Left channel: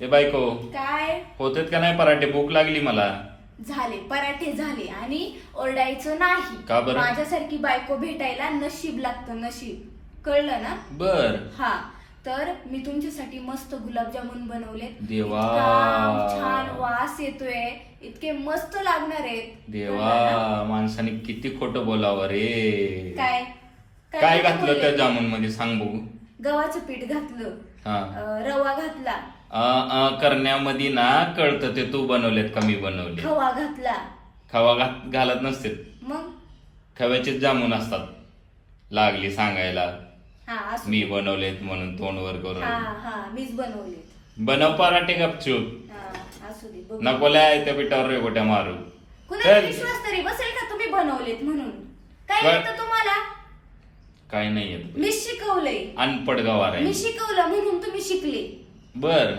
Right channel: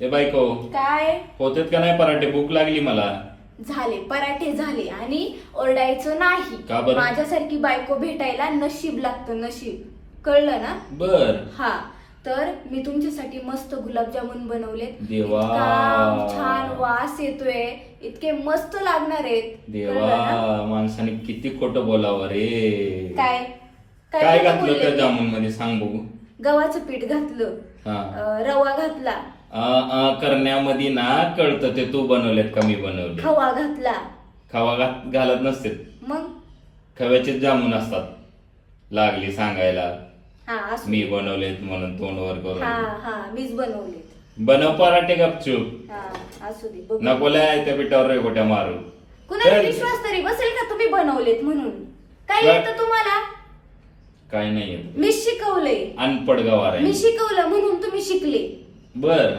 ते बायको काय होतात का नाही पराठे? भूक लागली मला. झाले पराठे झाले आणि ओरडायचं नाही. का बरं? माझ्यासारखी बायको भेटायला नशीब लागतं, नशीब. कळलं ना? बर. हा, तर मी तुमच्यासाठी मस्त गुलाबजामुन बनवलेत. देवा. इतका छान वास येतोय, इतके मस्त लागणार आहेत. देवा, कळलं ना? माणसाने किती खोटं बोलावं रे. काय काय खोटं घातलं बोलले त्या मी? जामुन मध्ये सांग बघू. गव्हाचं पीठ घातलं, हा. रवा घातला, करण्यामध्ये ना कळतं ते तू बनवलेत का मी बनवले. खवा घातला. खवा घालत नसते, मग खव्याचेच जामुन असतात. लागली सांगायला हा असू मी दे. बनवलेत म्हणून तोंडवर हा करून. हा मीच बनवलेत. बनव पराठे गपचूप. हा असू दे, बघू. नको लय त्या पिठावर रेगोट्या मारून. कुणाला चल. विश्वास तरी बसेल का तुम्ही बनवलेत म्हणून? काय बर. येतं तुम्हाला? काय नाही येत. मी शिकवलंय, अनपड गवार मी आहे. शिकवलं म्हणून तुम्ही शिकले. बर.